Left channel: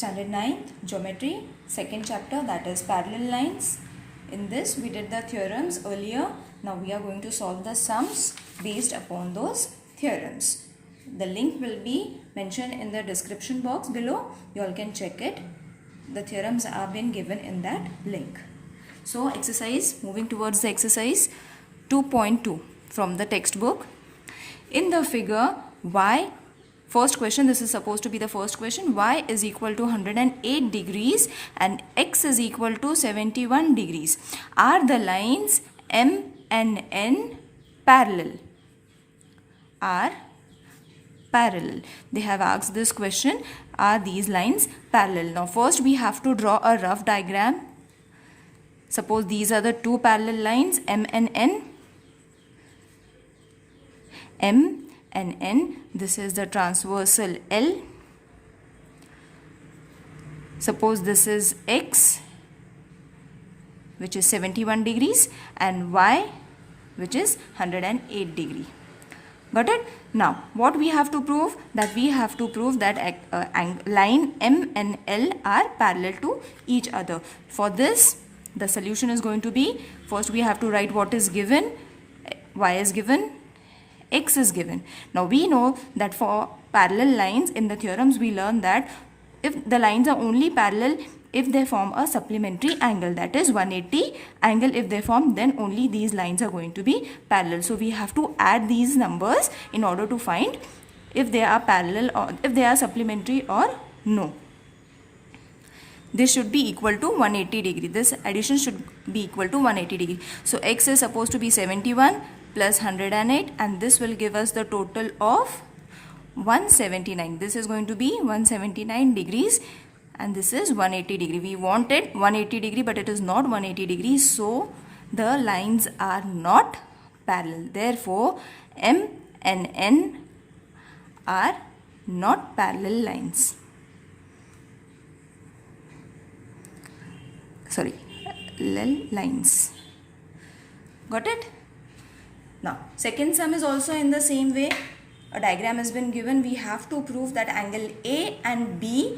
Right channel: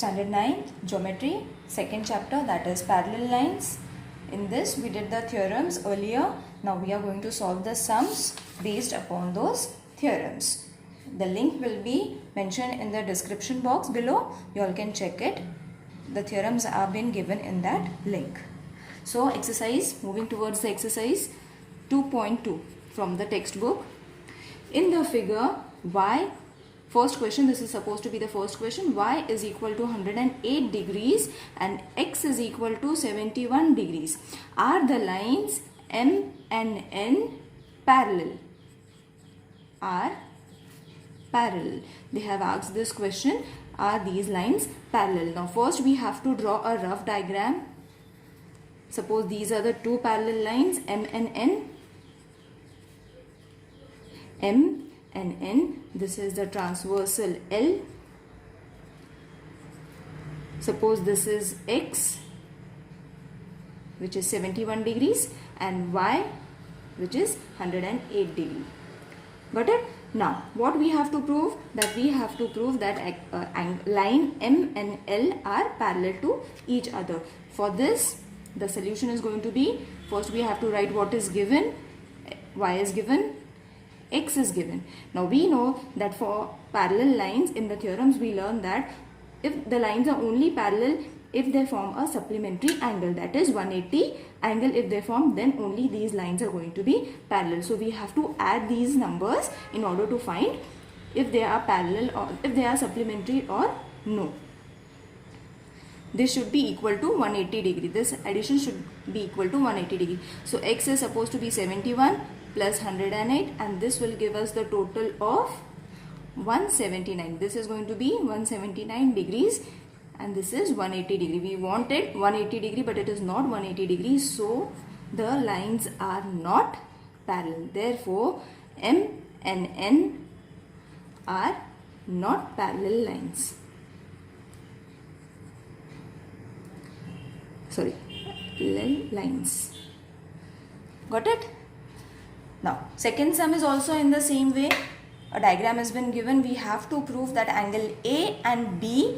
Standard 9 Geometry, second chapter, that is parallel lines. In this we did the theorems earlier. Now we are going to solve the sums based upon those theorems. The link will be mentioned in the description box below. You all can check it. The theorems have been given in that link. So moving towards the exercise 2.2 from the textbook. In the figure, y, first question, this is supposed to be the first question, y is equal to 108 degrees and x is equal to 71 degrees. Are the lines M and N parallel? Are parallel. They have asked this question, are these lines parallel? Now first we have to draw a rough diagram. Suppose these are the two parallel lines M and N. M and N, this is the transversal L. Suppose this is X, which is 71 degrees, and Y, which is 108 degree. Got it? Now what we have to prove? That we have to prove that line M and L are parallel to each other. For this, the solution is going to be, first we have to write what is given. Y is given, X is given. Now we know that for parallel lines, in the theorems we learn that if the lines are only parallel if they form a supplementary angle, that is 180 angle if they form, then only these lines are going to be parallel. So we have to add these numbers in order to find if they are parallel or if they are supplementary or no. This should be equal to 180 degree. This addition should be equal to 180 degree. So X is supposed to be 71 plus 108, and this will give us the total of 179. This is going to be 179 degrees and this is 180 degree. We wanted 180 degree but it is not 180 degrees, so the lines are not parallel. Therefore M and N are not parallel lines. Lines. Got it? Now second sum is also in the same way. A diagram has been given. We have to prove that angle A and B,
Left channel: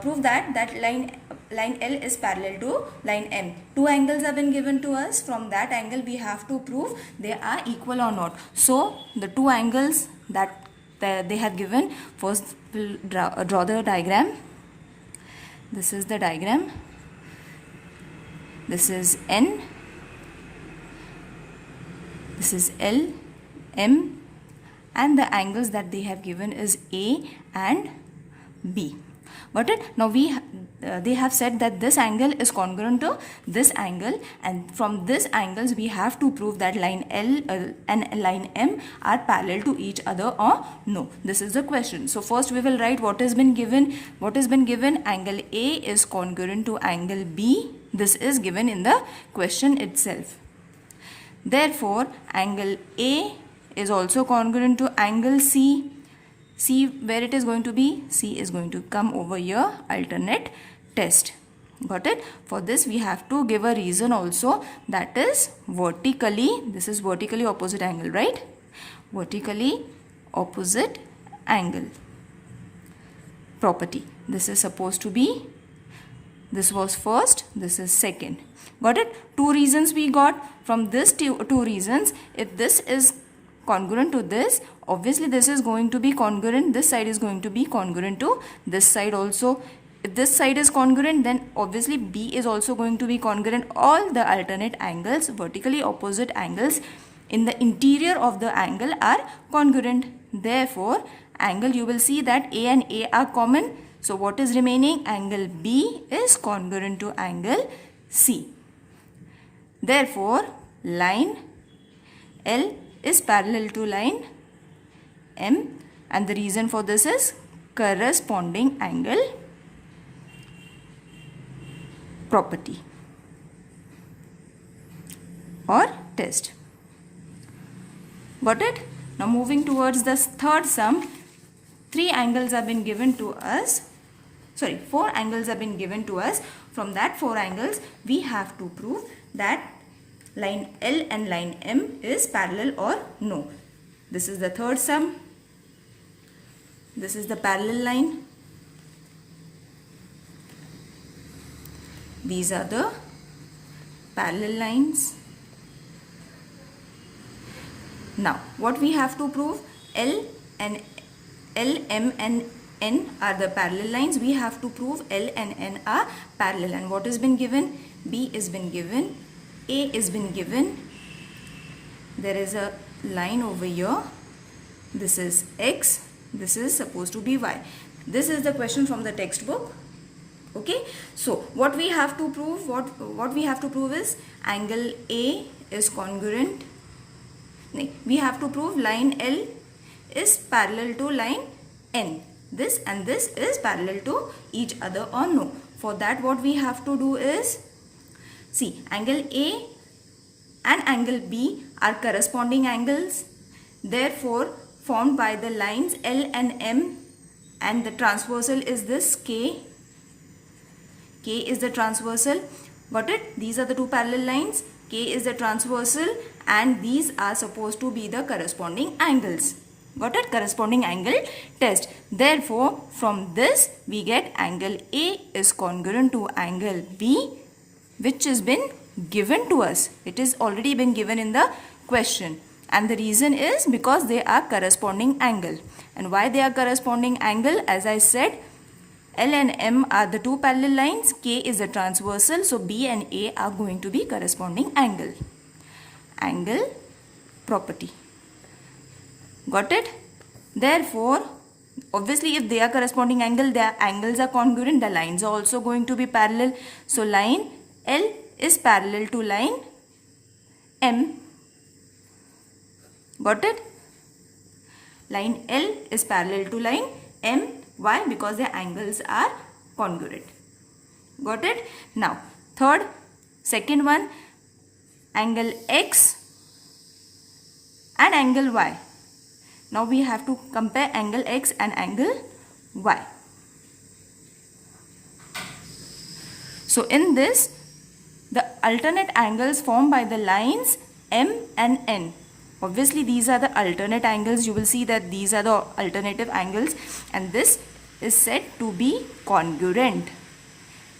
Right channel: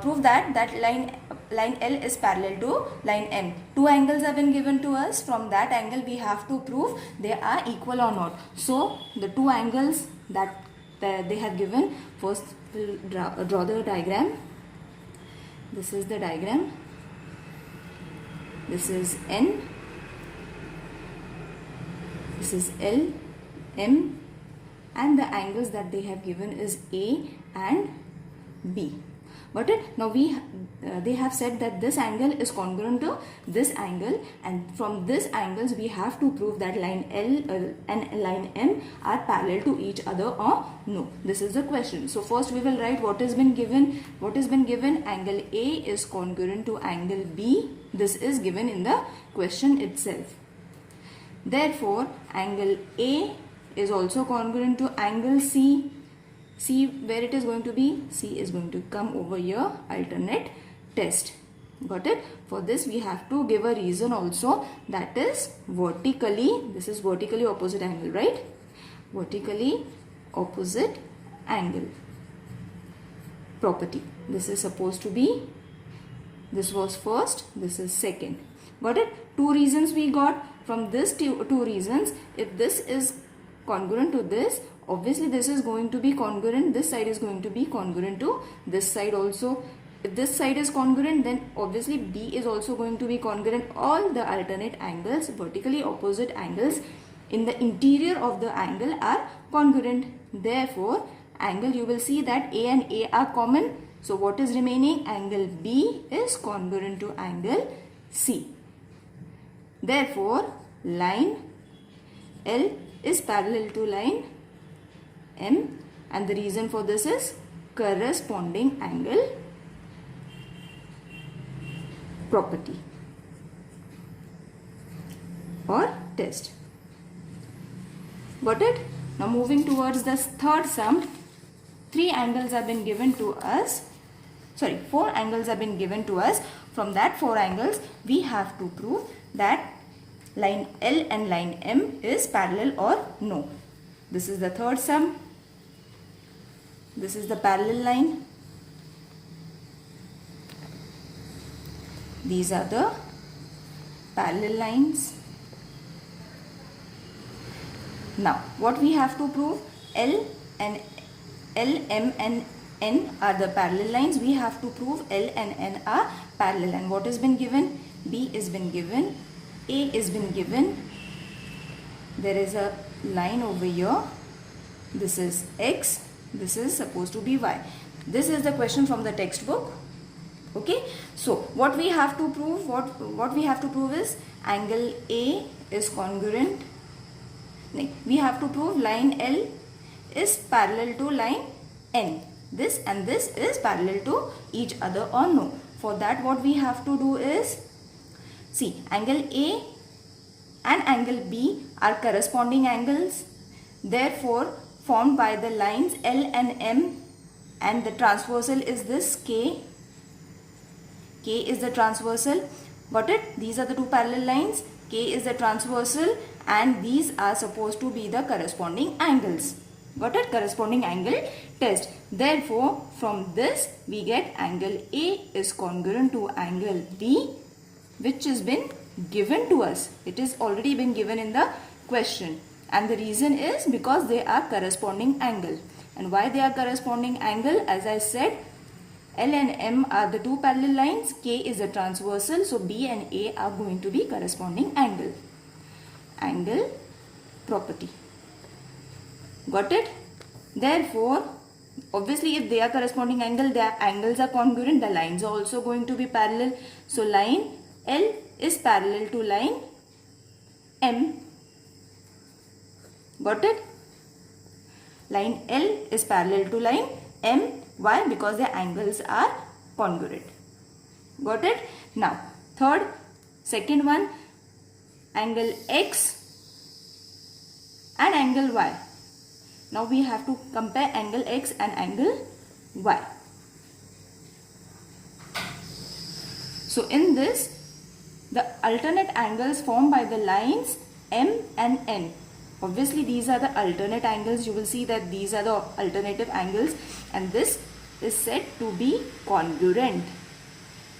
prove that line L is parallel to line M. Two angles have been given to us. From that angle we have to prove they are equal or not. So the two angles that they have given, first we'll draw the diagram. This is the diagram. This is N. This is L, M, and the angles that they have given is A and B. Got it? Now they have said that this angle is congruent to this angle, and from this angles we have to prove that line L and line M are parallel to each other or no. This is the question. So first we will write what has been given. What has been given? Angle A is congruent to angle B. This is given in the question itself. Therefore angle A is also congruent to angle C. See where it is going to be? C is going to come over here, alternate test. Got it? For this we have to give a reason also, that is vertically, this is vertically opposite angle, right? Vertically opposite angle property. This is supposed to be, this was first, this is second. Got it? Two reasons we got. From this two reasons, if this is congruent to this, obviously this is going to be congruent, this side is going to be congruent to this side also. If this side is congruent, then obviously B is also going to be congruent. All the alternate angles, vertically opposite angles in the interior of the angle are congruent. Therefore angle, you will see that A and A are common. So what is remaining? Angle B is congruent to angle C. Therefore line L is parallel to line M, and the reason for this is corresponding angle property or test. Got it? Now moving towards the third sum, four angles have been given to us. From that four angles we have to prove that line L and line M is parallel or no. This is the third sum. This is the parallel line. These are the parallel lines. Now, what we have to prove? L, M and N are the parallel lines. We have to prove L and N are parallel. And what has been given? B has been given. A has been given. There is a line over here. This is X. This is supposed to be Y. This is the question from the textbook. Okay. So, what we have to prove? What we have to prove is angle A is congruent. We have to prove line L is parallel to line N. This and this is parallel to each other or no. For that, what we have to do is, see, angle A and angle B are corresponding angles. Therefore, formed by the lines L and M, and the transversal is this K. K is the transversal. Got it? These are the two parallel lines. K is the transversal and these are supposed to be the corresponding angles. Got it? Corresponding angle test. Therefore, from this we get angle A is congruent to angle B, which has been given to us. It is already been given in the question. And the reason is because they are corresponding angle. And why they are corresponding angle? As I said, L and M are the two parallel lines. K is the transversal. So, B and A are going to be corresponding angle. Angle property. Got it? Therefore, obviously if they are corresponding angle, their angles are congruent. The lines are also going to be parallel. So, line L is parallel to line M. Got it? Line L is parallel to line M. Why? Because their angles are congruent. Got it? Now, second one, angle X and angle Y. Now, we have to compare angle X and angle Y. So, in this, the alternate angles formed by the lines M and N. Obviously, these are the alternate angles. You will see that these are the alternative angles and this is said to be congruent.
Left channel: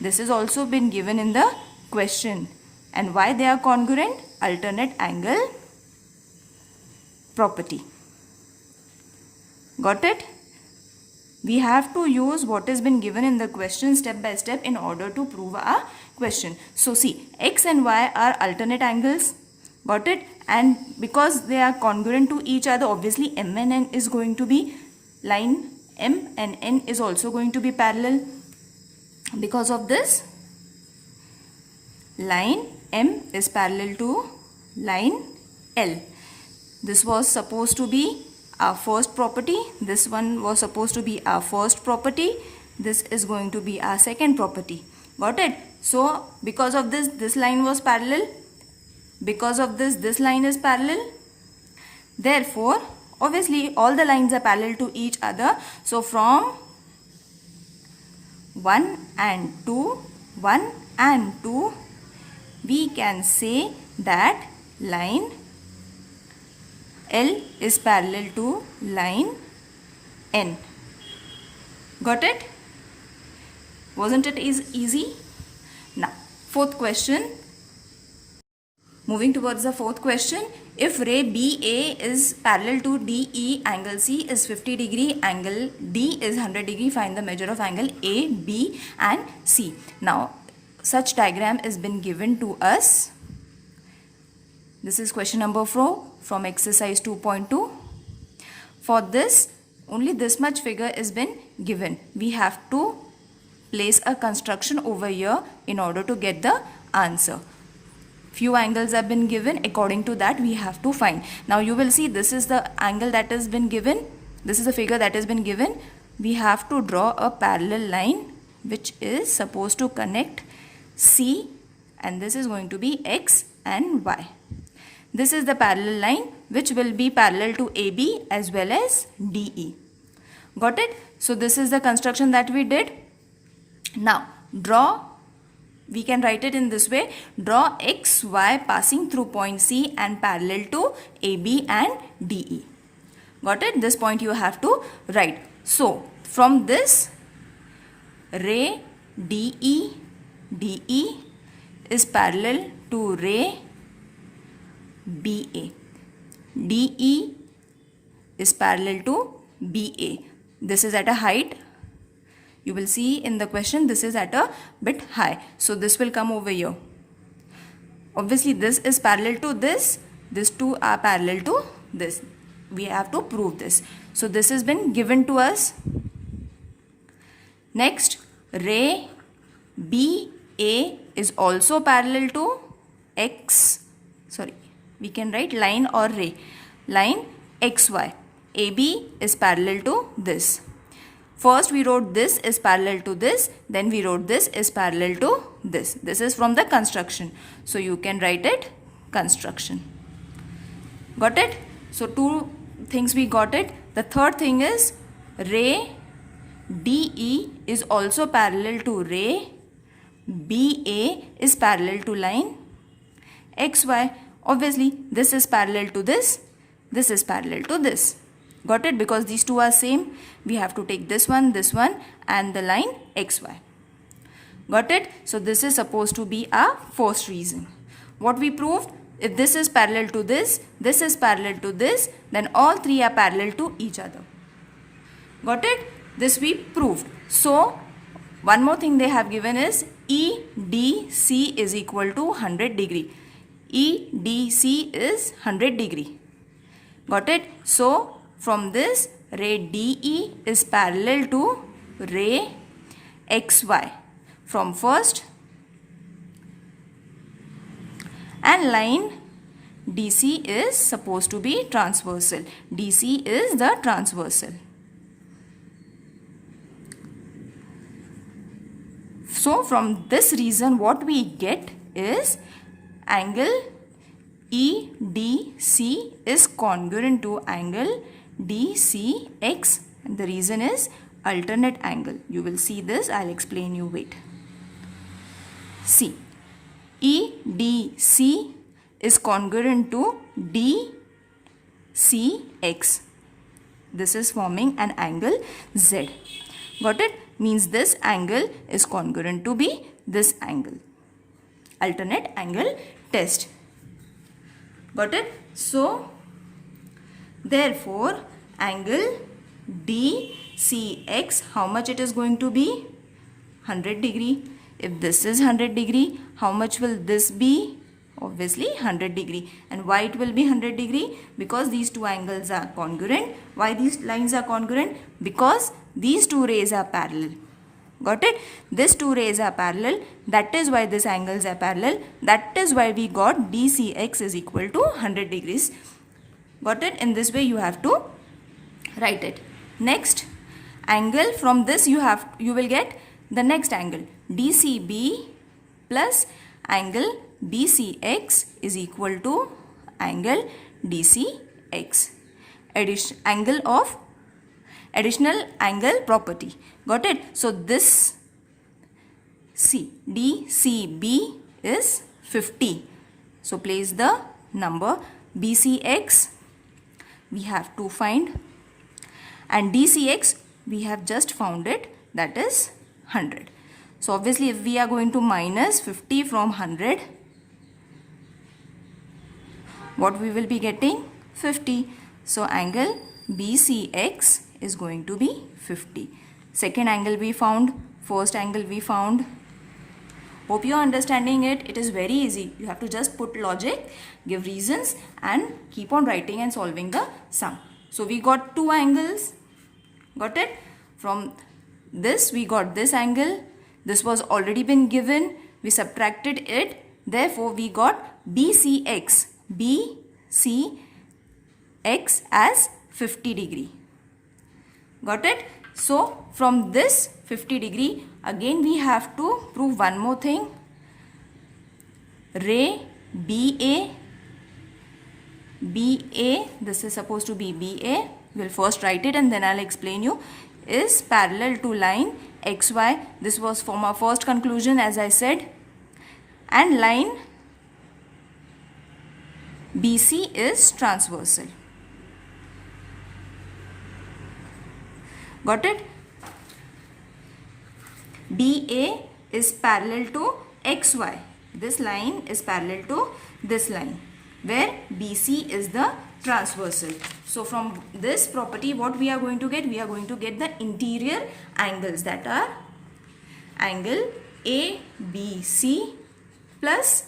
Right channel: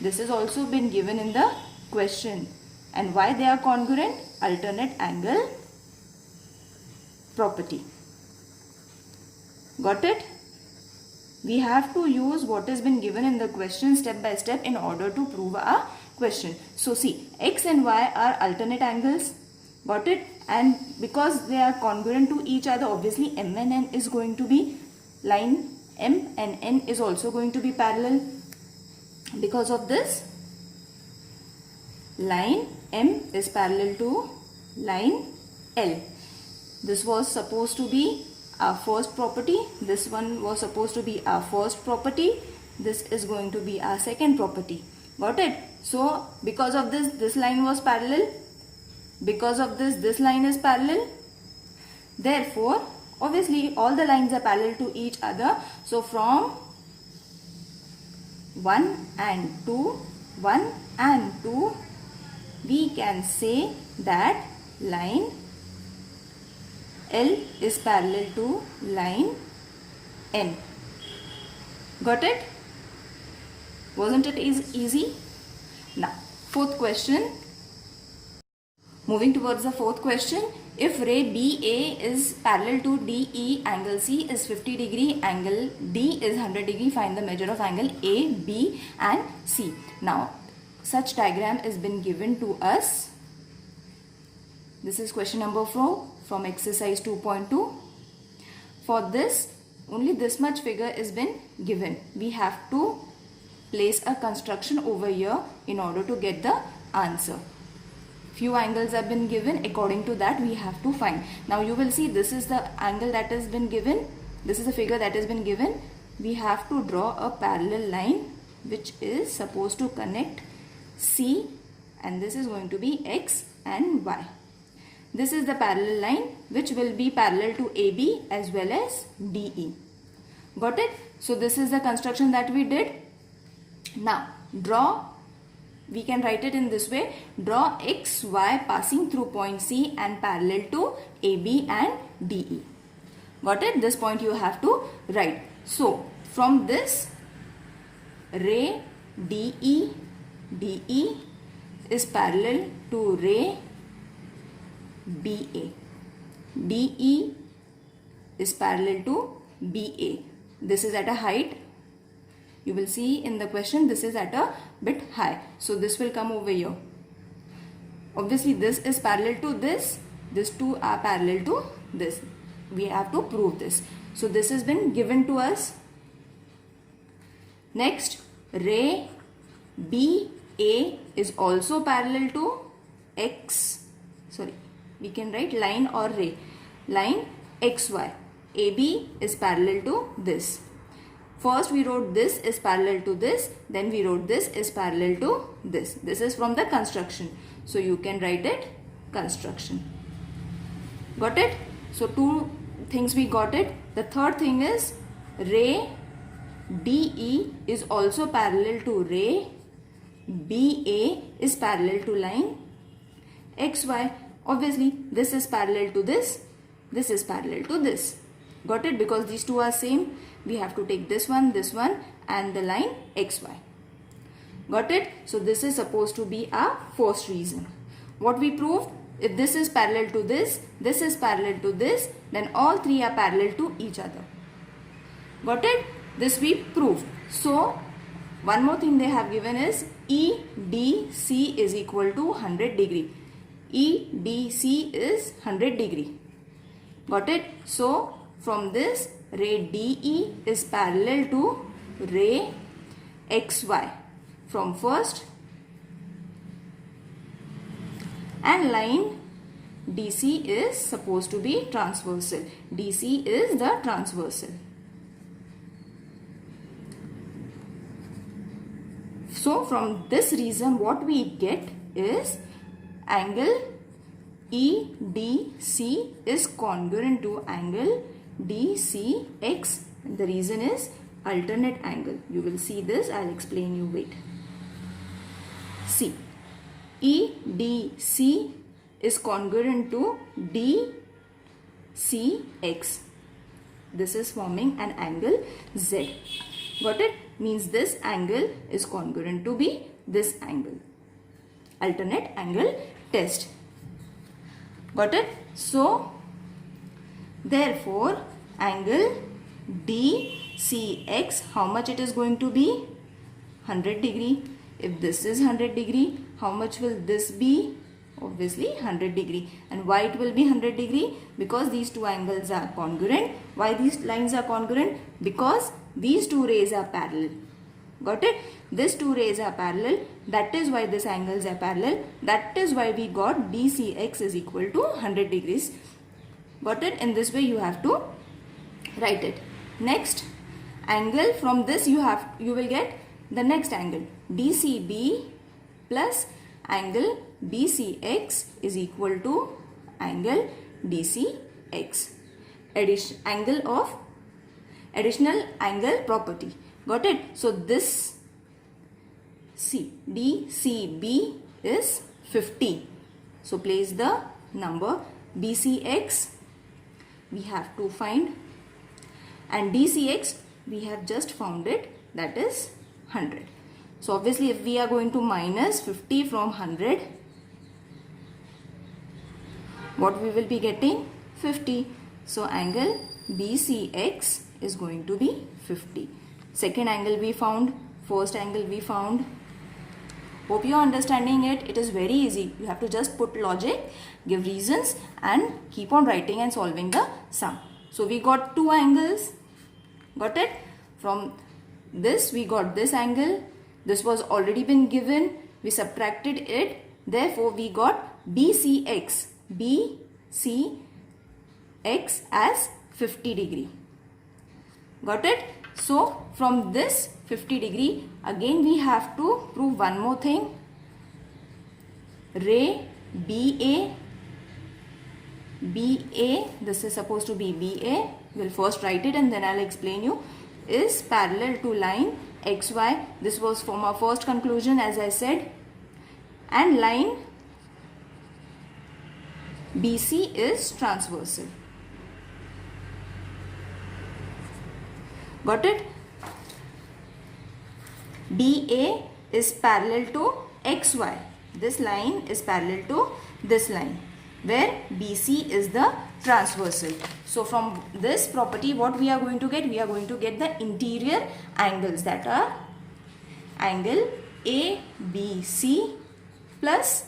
This has also been given in the question. And why they are congruent? Alternate angle property. Got it? We have to use what has been given in the question step by step in order to prove our question. So, see, X and Y are alternate angles. Got it? And because they are congruent to each other, obviously M and N is going to be, line M and N is also going to be parallel. Because of this, line M is parallel to line L. This was supposed to be our first property. This one was supposed to be our first property. This is going to be our second property. Got it? So, because of this, this line was parallel. Because of this, this line is parallel. Therefore, obviously, all the lines are parallel to each other. So, from 1 and 2, we can say that line L is parallel to line N. Got it? Wasn't it easy? Now, fourth question. Moving towards the fourth question. If ray BA is parallel to DE, angle C is 50 degree, angle D is 100 degree, find the measure of angle A, B and C. Now, such diagram has been given to us. This is question number 4 from exercise 2.2. For this, only this much figure has been given. We have to place a construction over here in order to get the answer. Few angles have been given. According to that, we have to find. Now, you will see this is the angle that has been given. This is the figure that has been given. We have to draw a parallel line which is supposed to connect C, and this is going to be X and Y. This is the parallel line which will be parallel to AB as well as DE. Got it? So, this is the construction that we did. Now, we can write it in this way. Draw X, Y passing through point C and parallel to AB and DE. Got it? This point you have to write. So, from this, ray DE DE is parallel to ray BA. DE is parallel to BA. This is at a height. You will see in the question this is at a bit high. So this will come over here. Obviously this is parallel to this. These two are parallel to this. We have to prove this. So this has been given to us. Next, ray BA is also parallel to X. Sorry, we can write line or ray. Line XY. AB is parallel to this. First we wrote this is parallel to this, then we wrote this is parallel to this. This is from the construction. So you can write it construction. Got it? So two things we got it. The third thing is ray DE is also parallel to ray BA is parallel to line XY. Obviously this is parallel to this. This is parallel to this. Got it? Because these two are same, we have to take this one and the line XY. Got it? So this is supposed to be our first reason. What we proved, if this is parallel to this is parallel to this, then all three are parallel to each other. Got it? This we proved. So one more thing they have given is EDC is equal to 100 degree. EDC is 100 degree. Got it? So from this, ray DE is parallel to ray XY from first, and line DC is supposed to be transversal. DC is the transversal. So from this reason what we get is angle EDC is congruent to angle DCX, and the reason is alternate angle. You will see this, I'll explain you, wait. See, EDC is congruent to DCX. This is forming an angle Z. Got it? Means this angle is congruent to be this angle. Alternate angle test. Got it? So therefore angle DCX, how much it is going to be? 100 degree. If this is 100 degree, how much will this be? Obviously 100 degree. And why it will be 100 degree? Because these two angles are congruent. Why these lines are congruent? Because these two rays are parallel. Got it? These two rays are parallel. That is why these angles are parallel. That is why we got DCX is equal to 100 degrees. Got it? In this way you have to write it. Next angle, from this you will get the next angle. DCB plus angle DCX is equal to angle DCX. Additional angle property. Got it? So this DCB is 50. So place the number. BCX we have to find, and DCX we have just found it, that is 100. So obviously if we are going to minus 50 from 100, what we will be getting? 50. So angle BCX is going to be 50. Second angle we found, first angle we found. Hope you are understanding it. It is very easy. You have to just put logic, give reasons, and keep on writing and solving the sum. So we got two angles. Got it? From this we got this angle. This was already been given. We subtracted it. Therefore we got BCX. BCX as 50 degree. Got it? So from this 50 degree, again we have to prove one more thing. Ray BA, this is supposed to be BA. We'll first write it and then I'll explain you. Is parallel to line XY. This was from our first conclusion, as I said. And line BC is transversal. Got it? DA is parallel to XY. This line is parallel to this line, where BC is the transversal. So from this property, what we are going to get? We are going to get the interior angles, that are angle ABC plus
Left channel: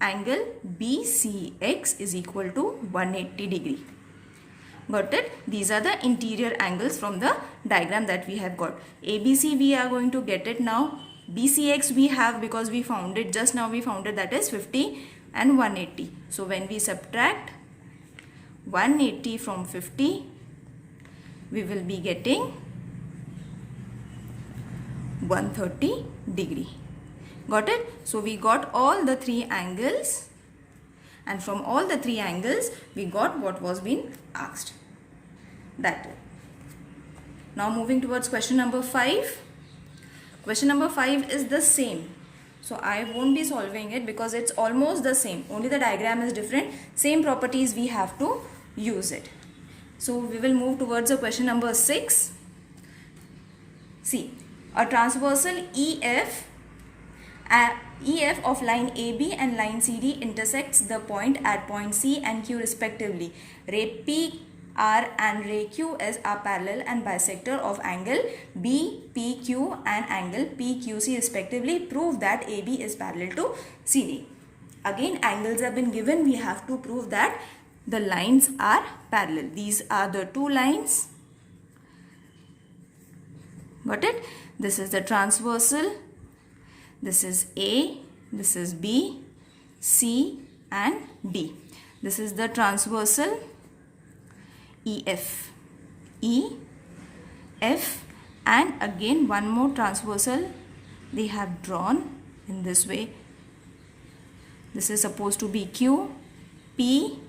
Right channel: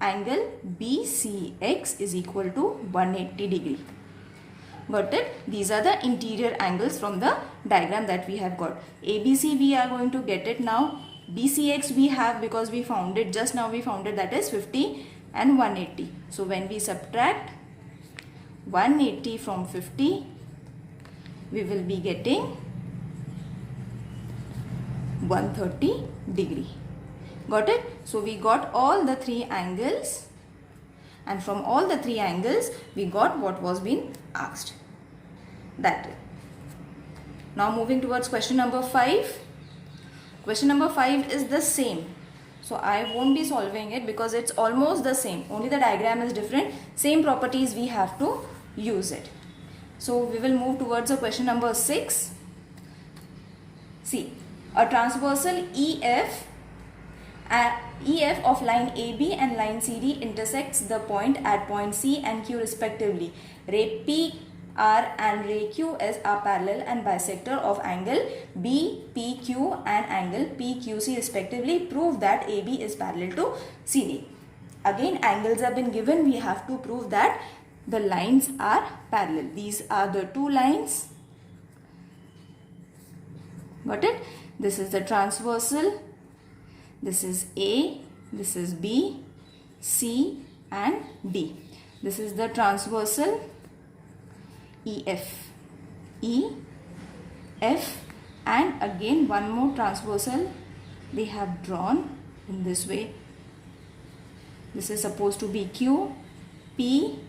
angle BCX is equal to 180 degree. Got it? These are the interior angles from the diagram that we have got. ABC we are going to get it now. BCX we have, because we found it just now, we found it, that is 50 and 180. So when we subtract 180 from 50, we will be getting 130 degree. Got it? So we got all the three angles, and from all the three angles we got what was being asked. That way. Now moving towards question number 5. Question number 5 is the same. So I won't be solving it because it's almost the same. Only the diagram is different. Same properties, we have to use it. So we will move towards the question number 6. See, a transversal EF of line AB and line CD intersects the point at point C and Q respectively. Ray PR and ray QS are parallel and bisector of angle BPQ and angle PQC respectively. Prove that AB is parallel to CD. Again, angles have been given. We have to prove that the lines are parallel. These are the two lines. Got it? This is the transversal. This is A, this is B, C and D. This is the transversal EF, E, F, and again one more transversal they have drawn in this way. This is supposed to be Q, P,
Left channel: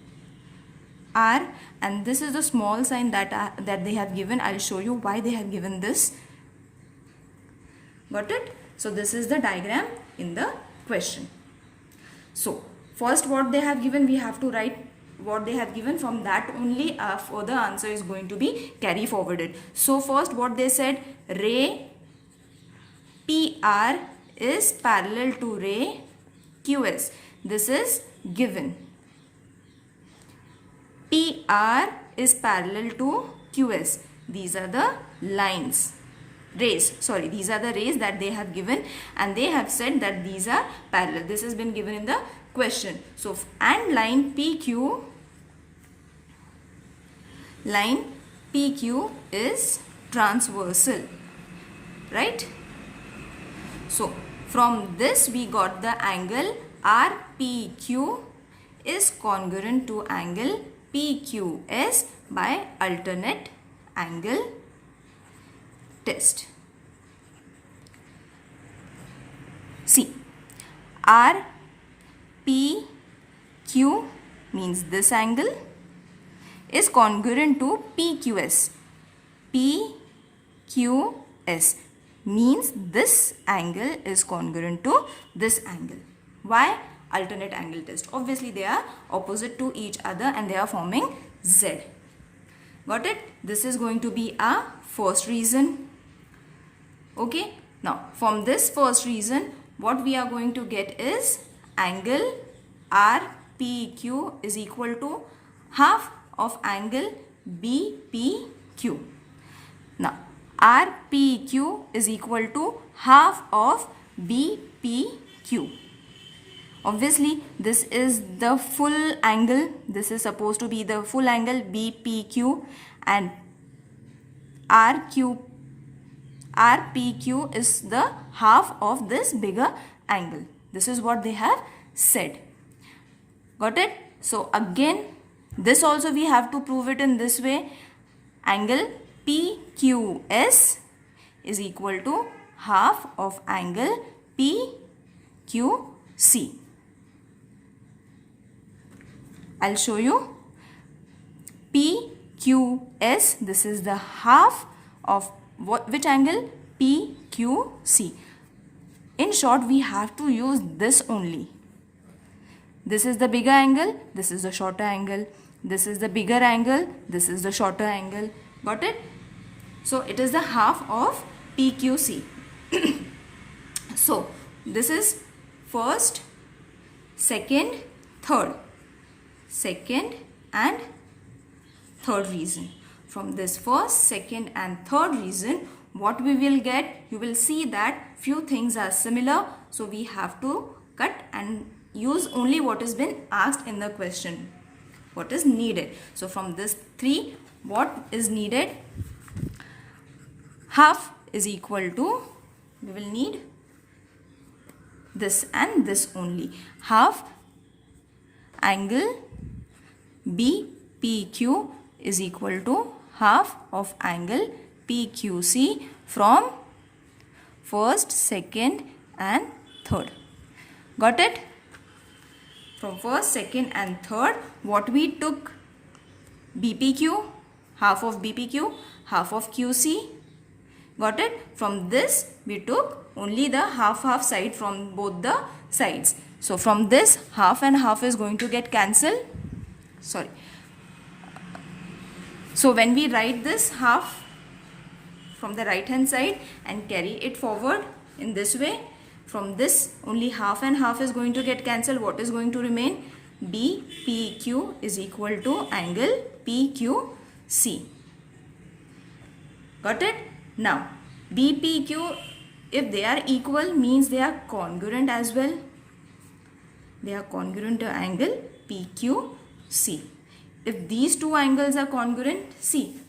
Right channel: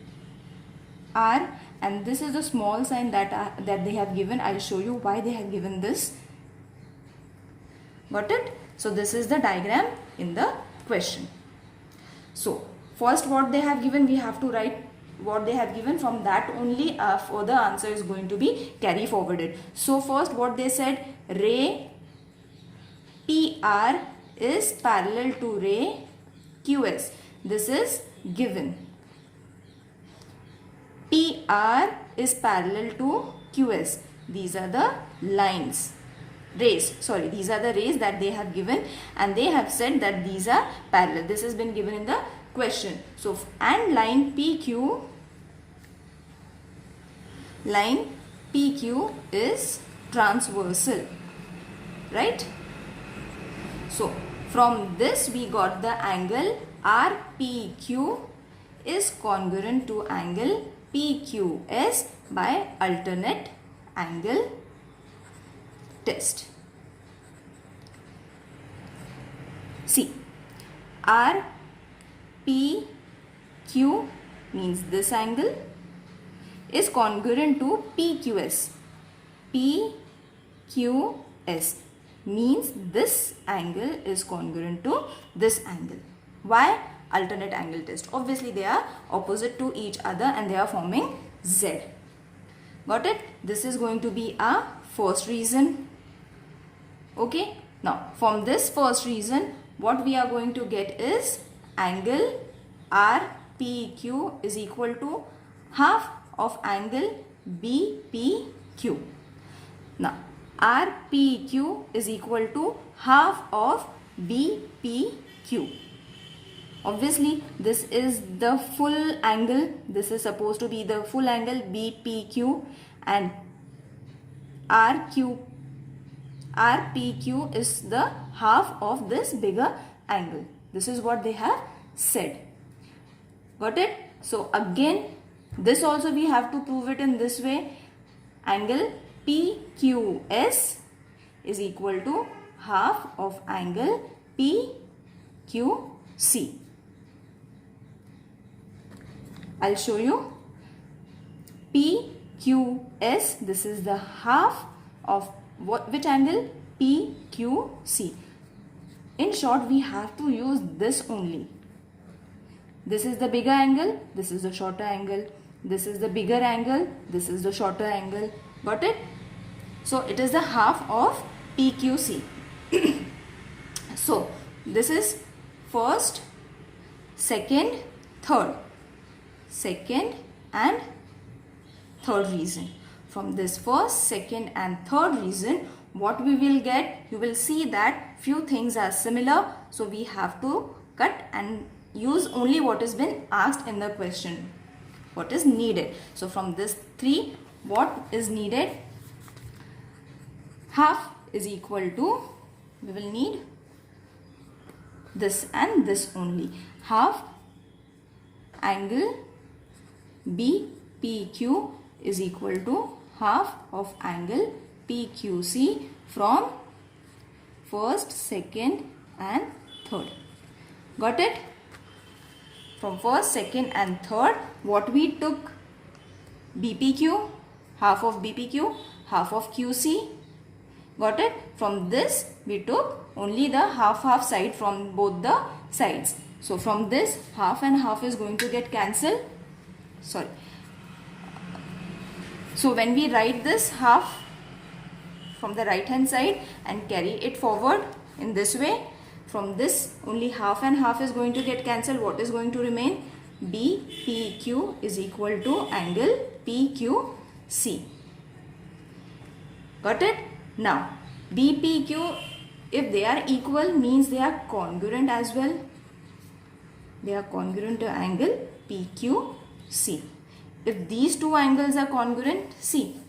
R, and this is the small sign that they have given. I'll show you why they have given this. Got it? So this is the diagram in the question. So first what they have given, we have to write what they have given. From that only further answer is going to be carry forwarded. So first what they said, ray PR is parallel to ray QS. This is given. PR is parallel to QS. These are the lines. These are the rays that they have given, and they have said that these are parallel. This has been given in the question. So, and line PQ is transversal, right? So, from this we got the angle RPQ is congruent to angle PQS by alternate angle test. See, RPQ means this angle is congruent to PQS. PQS means this angle is congruent to this angle. Why? Alternate angle test. Obviously they are opposite to each other and they are forming Z. Got it? This is going to be a first reason. Okay. Now from this first reason, what we are going to get is angle RPQ is equal to half of angle BPQ. Now RPQ is equal to half of BPQ. Obviously this is the full angle. This is supposed to be the full angle BPQ, and RPQ is the half of this bigger angle. This is what they have said. Got it? So again, this also we have to prove it in this way. Angle PQS is equal to half of angle PQC. I'll show you. PQS, this is the half of which angle? PQC. In short, we have to use this only. This is the bigger angle, this is the shorter angle. This is the bigger angle, this is the shorter angle. Got it? So it is the half of PQC. So this is first, second, third. Second and third reason. From this first, second and third reason, what we will get, you will see that few things are similar. So we have to cut and use only what has been asked in the question, what is needed. So from this 3, what is needed? Half is equal to, we will need this and this only. Half angle BPQ is equal to half of angle PQC from first, second and third. Got it? From first, second and third, what we took? BPQ, half of BPQ, half of QC. Got it? From this we took only the half side from both the sides. So from this, half and half is going to get cancelled. Sorry. So when we write this half from the right hand side and carry it forward in this way, from this only half and half is going to get cancelled. What is going to remain? BPQ is equal to angle PQC. Got it? Now BPQ, if they are equal, means they are congruent as well. They are congruent to angle PQC. If these two angles are congruent, see,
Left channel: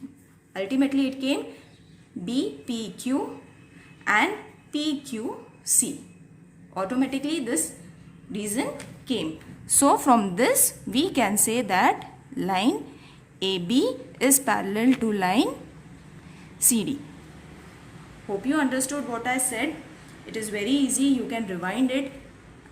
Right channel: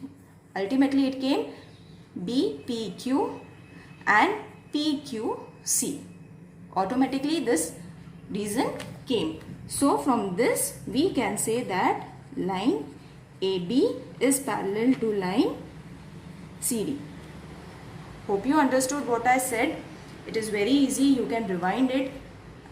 ultimately it came BPQ and PQC. Automatically this reason came. So from this we can say that line AB is parallel to line CD. Hope you understood what I said. It is very easy. You can rewind it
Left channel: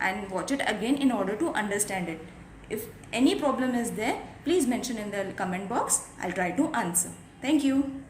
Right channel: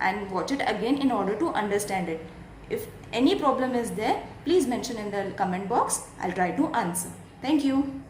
and watch it again in order to understand it. If any problem is there, please mention in the comment box. I'll try to answer. Thank you.